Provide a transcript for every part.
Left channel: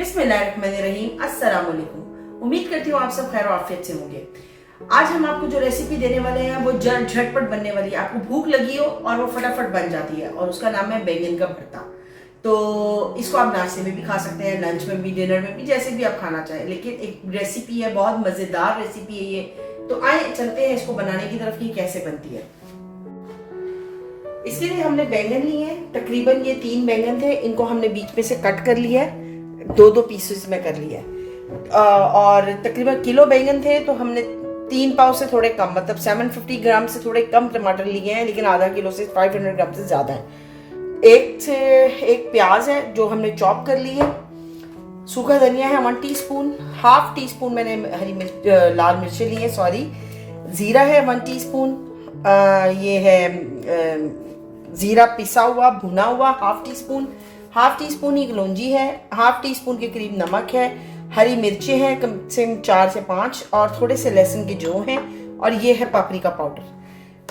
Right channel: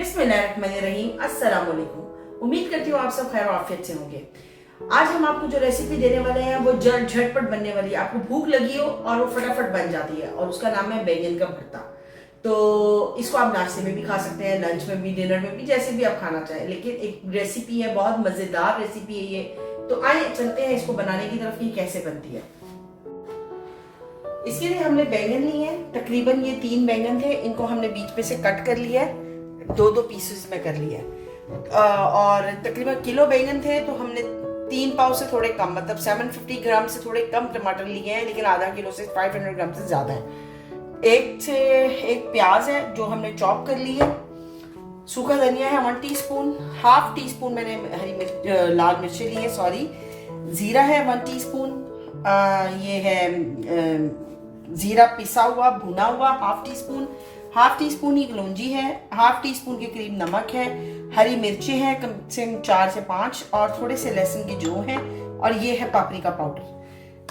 बिस्मिल्लाहिर्रहमानिर्रहीम, अस्सलाम वालेकुम। उम्मीद करती हूँ आप सब खैर आफियत से होंगे। आज हम आपको जो रेसिपी देने वाले हैं वो झटपट बनने वाली है। आपको भूख लगी हो और वो फटाफट बन जाती है और उसका नाम है बैंगन का भरता। तो इसको आप नाश्ते में भी खा सकते हैं, लंच में भी, डिनर में भी, जैसे भी आप खाना चाहें। लेकिन एक रेसिपी है, बहुत मजेदार रेसिपी है ये। तो आए चलते हैं इसको बनाने की तरफ कि कैसे बनती है। इसके लिए हमने बैंगन लिए हैं, तकरीबन ये 3 बैंगन थे। इनको हमने बीच में से कट कर लिया है, 2-2 पीसेस में कर लिया है। और तकरीबन किलो बैंगन थे तो हमने 3 पाव से थोड़े कम, मतलब 750 ग्राम से थोड़े कम टमाटर लिए हैं, लेकिन आधा किलो से 500 ग्राम से ज्यादा है। एक प्याज है जो हमने चॉप कर ली है। सूखा धनिया है 1 टीस्पून, हाफ टी स्पून मैंने हरी मिर्च लाल मिर्चें ली है, सॉरी। जीरा है 1 टीस्पून, ये है जीरा पिसा हुआ भुना हुआ हाफ टी स्पून ही कलौंजी है, हाफ टी स्पून के करीब नमक है, हरी मिर्चें हैं कम से कम 4 से 5 और थोड़े से लहसुन के जो हैं, और ये है पापरिका पाउडर।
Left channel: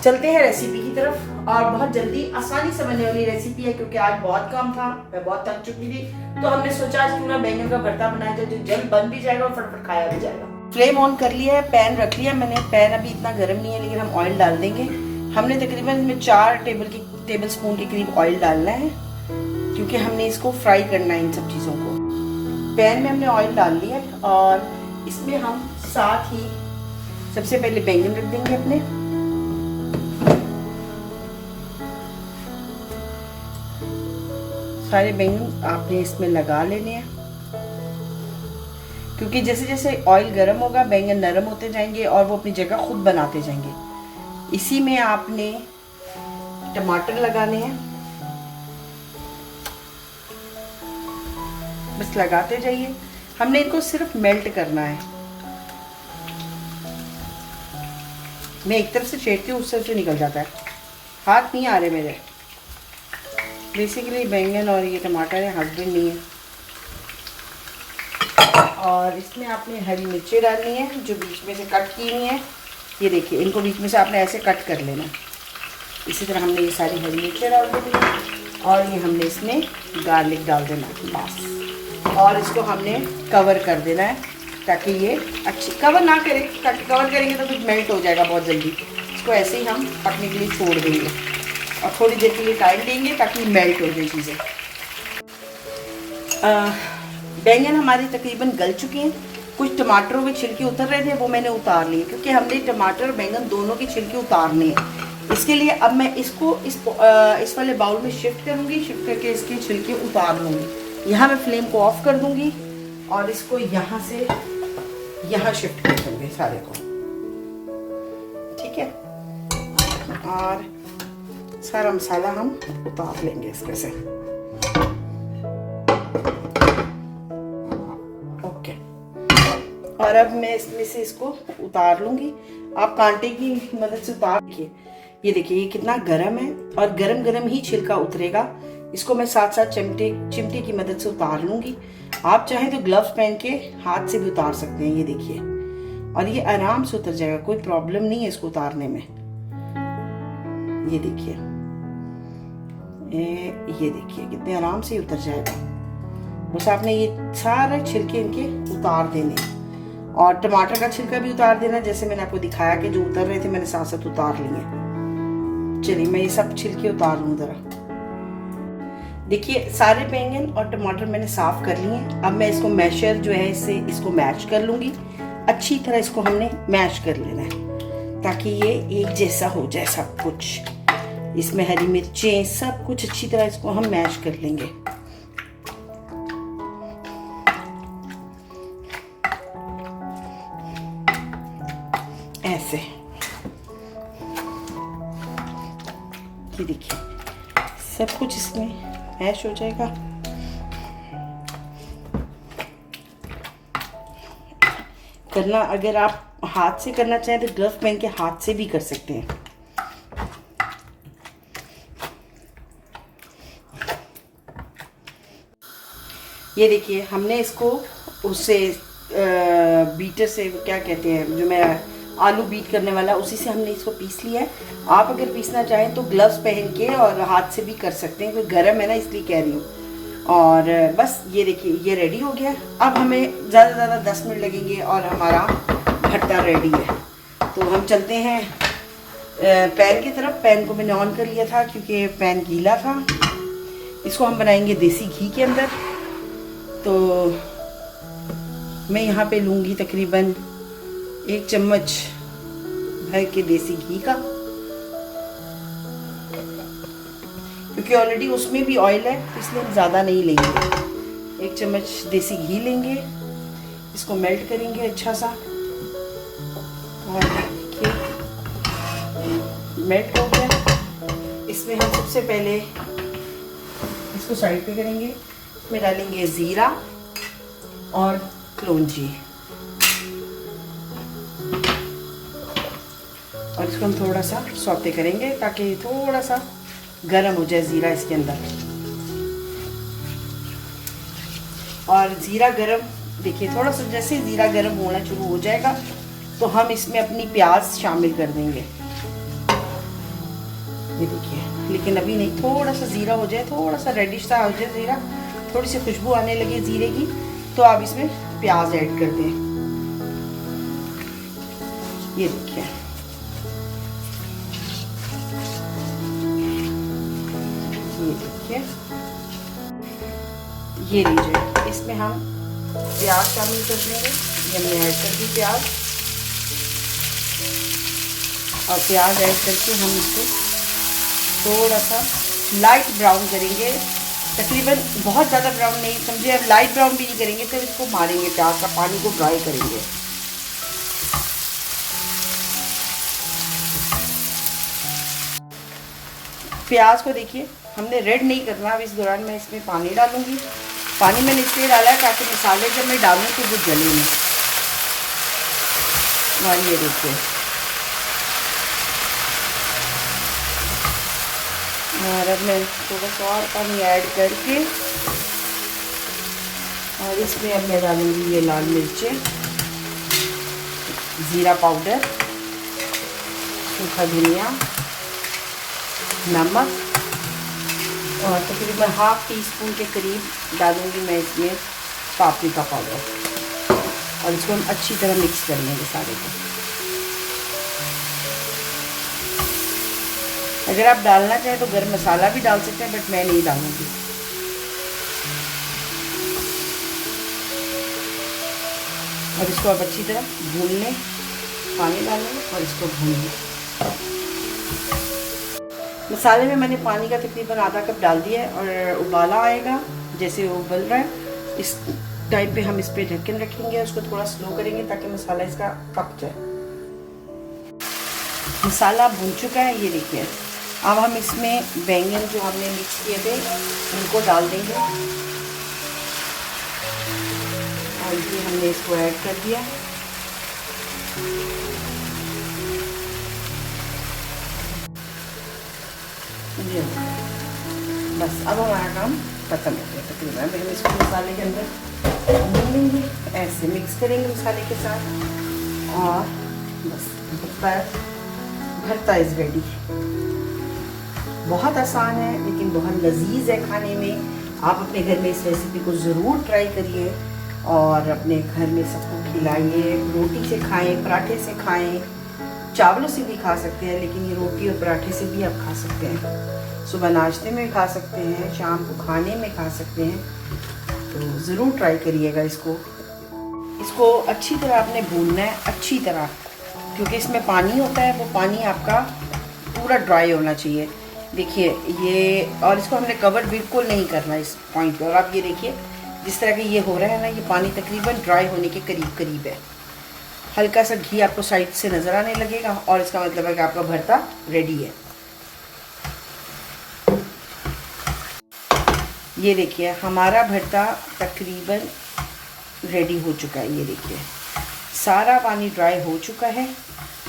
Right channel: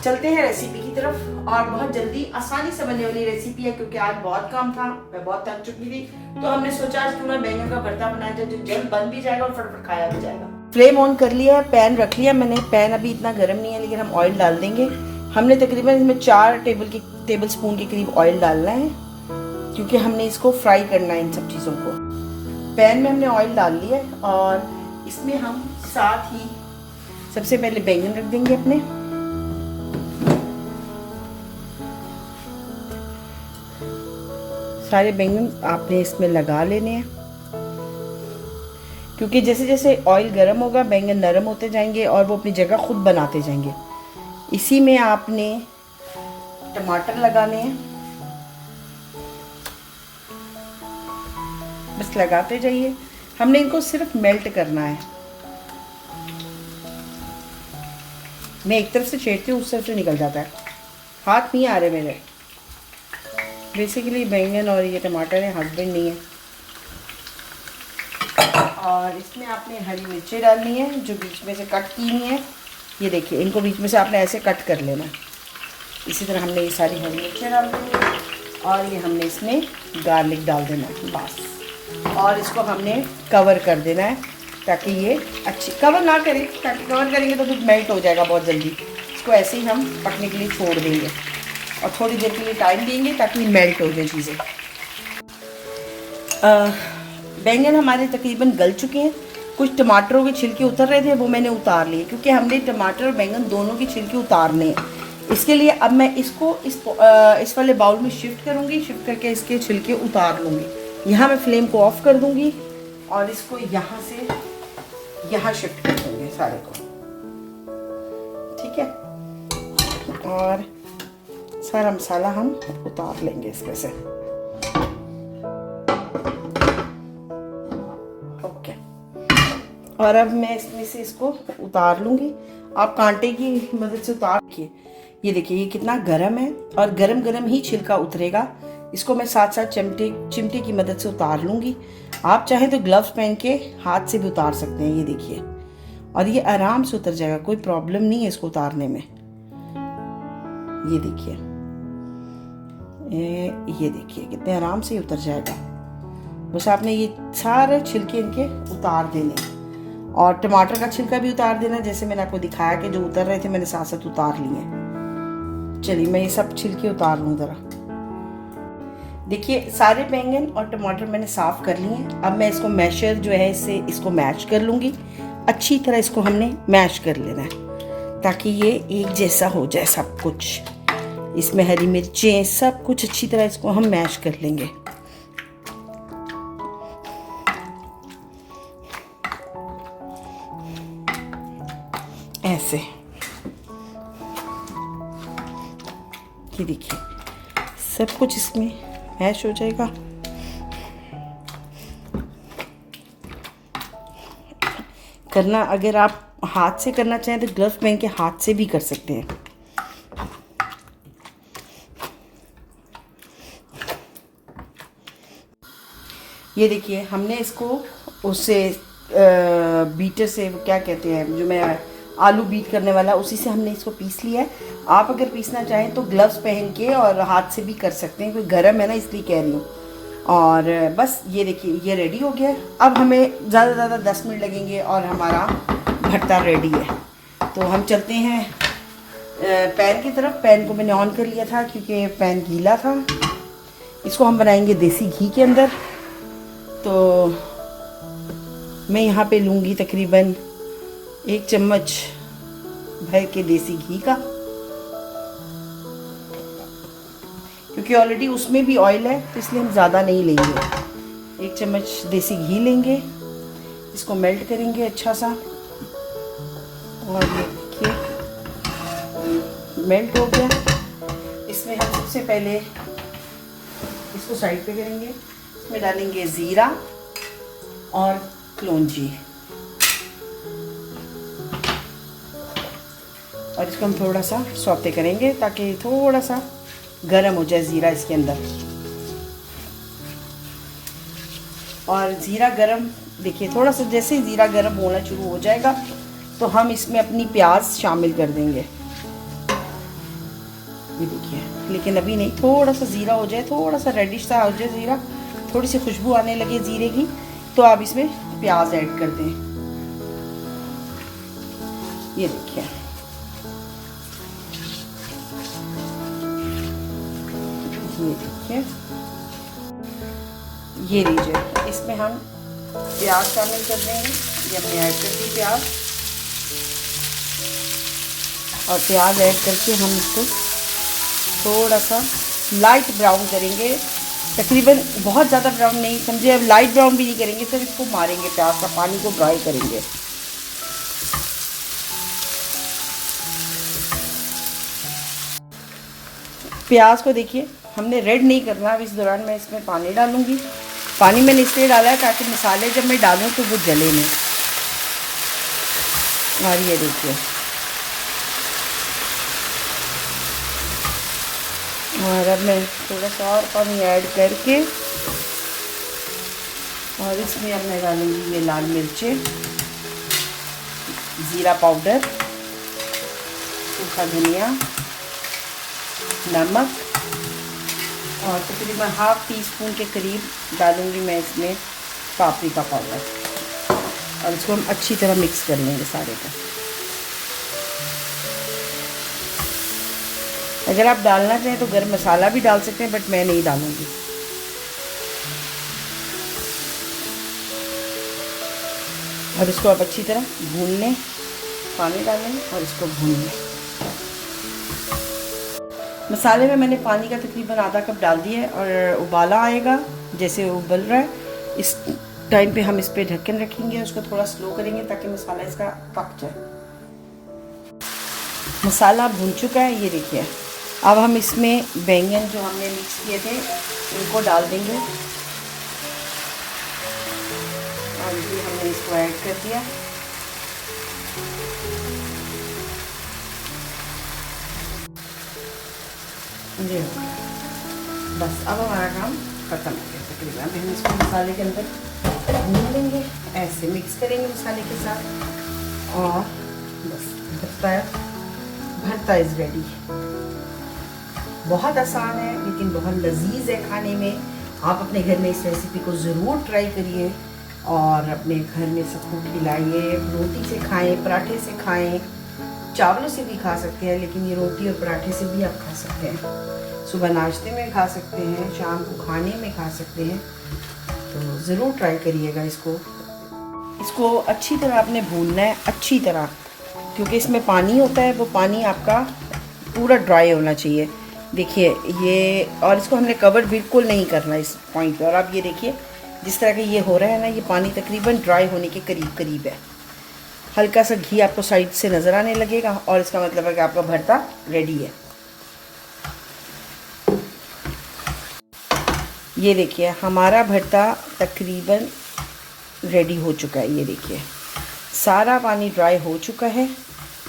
चलते हैं रेसिपी की तरफ। और बहुत जल्दी आसानी से बनने वाली रेसिपी है, क्योंकि आज बहुत काम था, मैं बहुत थक चुकी थी। तो हमने सोचा आज क्यों ना बैंगन का भरता बनाया जाए, जो जल्द बन भी जाएगा और फटाफट खाया भी जाएगा। फ्लेम ऑन कर लिया है, पैन रख लिया मैंने। पैन अभी इतना गर्म नहीं है, लेकिन हम ऑयल डाल देंगे। हमने तकरीबन इसमें 4 टेबल स्पून के करीब ऑयल डालना है, क्योंकि हमने इसको फ्राई करना है इन सब चीजों को। पैन में हमने ऑयल डाल लिया और इसमें हम साथ ही सबसे पहले बैंगन रख देंगे अपने। सारे बैंगन आपने इसमें लगा लेने हैं, क्योंकि जैसे जैसे ऑयल गर्म होगा बैंगन नरम होते जाएंगे और वो अपनी जगह खुद बनाते जाएंगे। इसी में आपने टमाटर लगाने हैं, बस लगाते जाइए। हमने इनको सिर्फ मेल्ट करना है। मैं एक तरफ से छेड़ती हूँ, उससे निकल जाता है, हाथ नहीं आ रहे मेरे। बेसिकली बैंगन और ये टमाटर है, हस्बैंड नहीं है। और इसमें आपने हरी मिर्चें डालनी है जो बीच में से कट की हुई है। ये देखिए, इनको बीच में से आपने ऐसे कट कर लेना। इसी तरह हमने ये सारी हरी मिर्चें डाल देनी है और ये हमने इसमें गार्लिक डाल देना है बस। और इसको हमने कवर कर देना है ताकि ये अच्छी, कवर ना करें, ताकि कवर करेंगे तो कुछ मेल्ट हो जाएगा बहुत जल्दी। इसको ऐसे ही हम पकने के लिए छोड़ देंगे और थोड़ी देर के लिए टाइम देंगे ताकि मेल्ट हो जाए चीज़ें। बैंगन हमारे तकरीबन गल चुके हैं। कुछ टमाटरों के छिलके उतर रहे थे, वो मैंने उतार लिए, क्योंकि हमने टमाटर और बैंगन दोनों की छिलके उतारने हैं। इसके लिए अब मैं इसको इस वाले बाउल में शिफ्ट करूंगी, शिफ्ट करके इसके छिलके उतार लूंगी। यहाँ मैं फ्लेम को ऑफ कर दूंगी और इसको यहाँ से यहाँ शिफ्ट कर दूंगी सारे को, ठीक है। और सारा मसाला हम उतार लेंगे इसमें से। और अब मैं इसमें से इसको उतार लूंगी। आप कांटे की मदद से उतार के, ये देखिए ये कितना गरम है और गरम गरम ही छिलका उतरेगा। इसको मैं साथ साथ चिमटे की मदद से उतार लूंगी। आप चाहें तो ग्लव्स पहन के हाथ से भी उतार सकते हैं, ये देखिए। और ये आराम से उतर जाएगा, कोई प्रॉब्लम नहीं है इसको उतारने में। ये देखिए, ये देखिए कितने आराम से उतर जाएगा। बस आपने ये सारे छिलके इनके उतार देने और टमाटर का छिलका भी उतार देना, जैसे मैंने आपको दिखाया कि जो उतर रहे थे मैंने साथ साथ उतार लिए। चलिए मैं ये सब छिलके उतार लूं जरा। देखिए सारे बैंगन और टमाटर मैंने साफ कर लिए हैं। अब मैं इसको मैशर जो है इससे इसको मैश कर लूंगी। अच्छी तरह इसको हमने मैश कर लेना है ताकि ये एक जैसा हो जाए सब कुछ। इसमें हरी मिर्चें सब कुछ अच्छी तरह इसको हम मैश कर लेंगे। ऐसे ये देखिए सब कुछ इसमें मैश हो जाएगा। करना, अगर आप हाथ से करना चाहें तो ग्लव्स पहन के हाथ से भी कर सकते हैं। ये देखिए हमने इसको उससे बीटर से, क्या कहते हैं, जो मैं आलू बीट करने वाला, उसी से हमने इसको पीस लिया है। आप अगर पीसना चाहें तो ग्लव्स पहन के और हाथ से भी कर सकते हैं, क्योंकि गर्म है ना इसलिए कह रही हूँ। और बस ये देखिए ये रेडी हो गया। अब हमें ज़्यादा से ज़्यादा 10 मिनट लगेंगे और हमारा भरता रेडी है। तो हम चलते हैं पैन की तरफ। पैन को मैंने ऑन कर लिया था क्योंकि पैन गीला था। इसको हम बनाएंगे देसी घी के अंदर। तो मैं यहाँ पे लूँगी तकरीबन 1 चम्मच भर के देसी घी का, क्योंकि ऑलरेडी उसमें भी ऑयल है तो इसलिए हम ज़्यादा नहीं लेंगे। 1 चम्मच देसी घी लेंगे, इसको मेल्ट करेंगे अच्छा सा। और देखिए मेल्ट हो गया। इसमें हम सबसे पहले इसको साइड पे करेंगे। इसमें डालेंगे ज़ीरा और कलौंजी और इसको हम थोड़ा सा सौते करेंगे ताकि थोड़ा सा गरम हो जाए ज़ीरा इसके अंदर। और ज़ीरा गरम, देखिए थोड़ा सा जैसे ज़ीरा गरम होना शुरू हो जाएगा तो हम इसमें अपनी प्याज शामिल कर देंगे। ये देखिए, लेकिन अभी नहीं, थोड़ा सा ज़ीरा हो जाए, थोड़ा सा रेडिश सा हो जाए ज़ीरा, थोड़ी सी खुशबू आने लगे ज़ीरे की, तो आप इसमें प्याज ऐड कर दें। ये देखिए ये लीजिए, इसमें हम प्याज शामिल कर देंगे। ये हमने ऐड कर दी प्याज, और प्याज ऐड करके हम इसको थोड़ा सा लाइट ब्राउन करेंगे। तकरीबन बहुत ज़्यादा ब्राउन नहीं समझे, अब लाइट ब्राउन भी नहीं करेंगे, तो इसको मारेंगे, प्याज का पानी को ड्राई करेंगे। प्याज को देखिए हमने रेड नहीं करना। अब इस दौरान मैं इसमें पानी डालूंगी। पानी मैंने इसलिए डाला है ताकि मसाले जब मैं डालूं तो वो जले नहीं। और ये देखिए, और अब मैं थोड़ा सा और पानी ऐड करके, और इसमें अब मैं डालूंगी ये लाल मिर्चें, ज़ीरा पाउडर, सूखा धनिया, नमक, और तकरीबन ½ टीस्पून के करीब डालूंगी मैं इसमें पापरिका पाउडर। और इसको हम अच्छी तरह मिक्स कर लेंगे सारे को। अगर आप डालना चाहें तो गरम मसाला भी डाल सकते हैं, बट मैं नहीं डालूंगी। और इसको आप अच्छी तरह भून लें, पानी डालें और इसको भून लें। मसाले में मैंने पानी का तकरीबन ½ कप डाल दिया है, और उबाला आएगा जैसे उबल रहा है, इस टाइम पे हम इस पे ढक्कन रखेंगे, उसको थोड़ा स्लो करेंगे ताकि मसाला इसका पक जाए। मसाला भून चुका है, ये देखिए। अब हम इसमें बैंगन जो हमने मिक्स किए थे इनको डाल देंगे, और ये हमने इसको ऐड कर दिया। ये बस, अब हमारा काम खत्म हो गया तकरीबन। हम इसको मसाले के अंदर भून लेंगे, ऐसे मिक्स करेंगे मसाले के साथ, और बस भरता इज़ रेडी। बहुत आसान है लेकिन बहुत लजीज है खाने में। आप अपने घर में इस रेसिपी को ज़रूर ट्राई करिए और अपने घर में सबको खिलाइए। रोटी से खाएं, पराठे से खाएं, चावलों से भी खा सकते हैं, लेकिन ये रोटी और पराठे से भी आप खा सकते हैं। सुबह नाश्ते में खा सकते हैं, शाम को खाने में खा सकते हैं। तो ज़रूर ट्राई करिएगा इसको अच्छी तरह आपने भूनना है, अच्छी तरह, क्योंकि इसमें पानी होता है, वो पानी आपका पूरा ड्राई होना चाहिए। देखिए ये, और इसको हमने कवर बिल्कुल नहीं करना इस पॉइंट पे। और आप ये देखिए जिस तरह के ये हो रहा है ना, ये पानी तकरीबन ड्राई होने के करीब करीब है। हल्का सा घी आपको साइड से नज़र आने लगेगा, और इसका मतलब है कि आपका भरता रेडी है। ये देखिए हमारा भरता तकरीबन रेडी हो चुका है। ये देखिए सारा पानी ड्राई हो चुका है,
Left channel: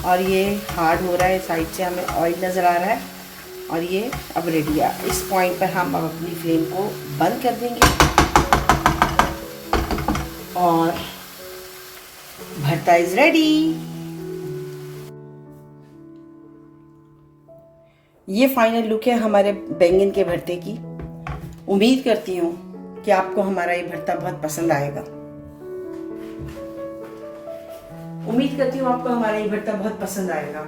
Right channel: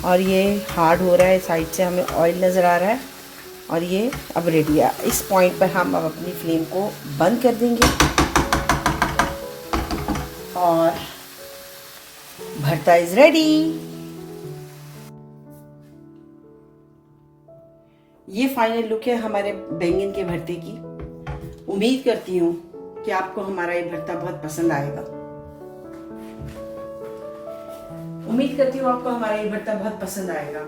और ये हार्ड हो रहा है, साइड से हमें ऑयल नज़र आ रहा है, और ये अब रेडी है। इस पॉइंट पर हम अब अपनी फ्लेम को बंद कर देंगे, और भरता इज रेडी। ये फाइनल लुक है हमारे बैंगन के भरते की। उम्मीद करती हूँ कि आपको हमारा ये भरता बहुत पसंद आएगा। उम्मीद करती हूँ आपको हमारा ये भरता बहुत पसंद आएगा।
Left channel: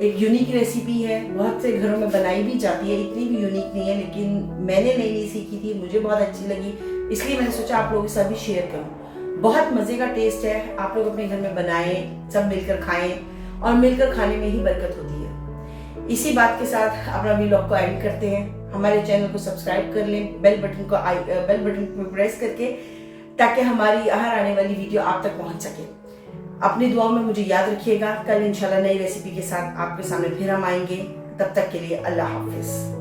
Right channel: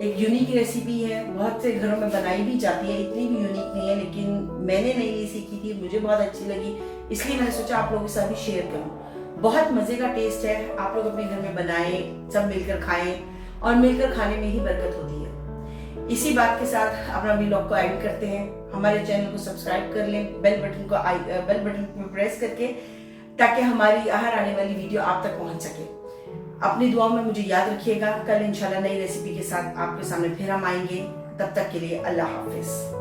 एक यूनिक रेसिपी है, बहुत से घरों में बनाई भी जाती है, इतनी भी यूनिक नहीं है, लेकिन मैंने नई सीखी थी, मुझे बहुत अच्छी लगी, इसलिए मैंने सोचा आप लोगों के साथ भी शेयर करूं। बहुत मजे का टेस्ट है, आप लोग अपने घर में बनाएं, सब मिलकर खाएं, और मिलकर खाने में ही बरकत होती है। इसी बात के साथ अपना व्लॉग को एंड करते हैं। हमारे चैनल को सब्सक्राइब कर लें, बेल बटन को प्रेस करके, ताकि हमारी हर आने वाली वीडियो आप तक पहुंच सके। अपनी दुआओं में मुझे याद रखिएगा। कल इंशाल्लाह नई रेसिपी के साथ आपके सामने फिर हम आएंगे। तब तक के लिए अल्लाह हाफिज।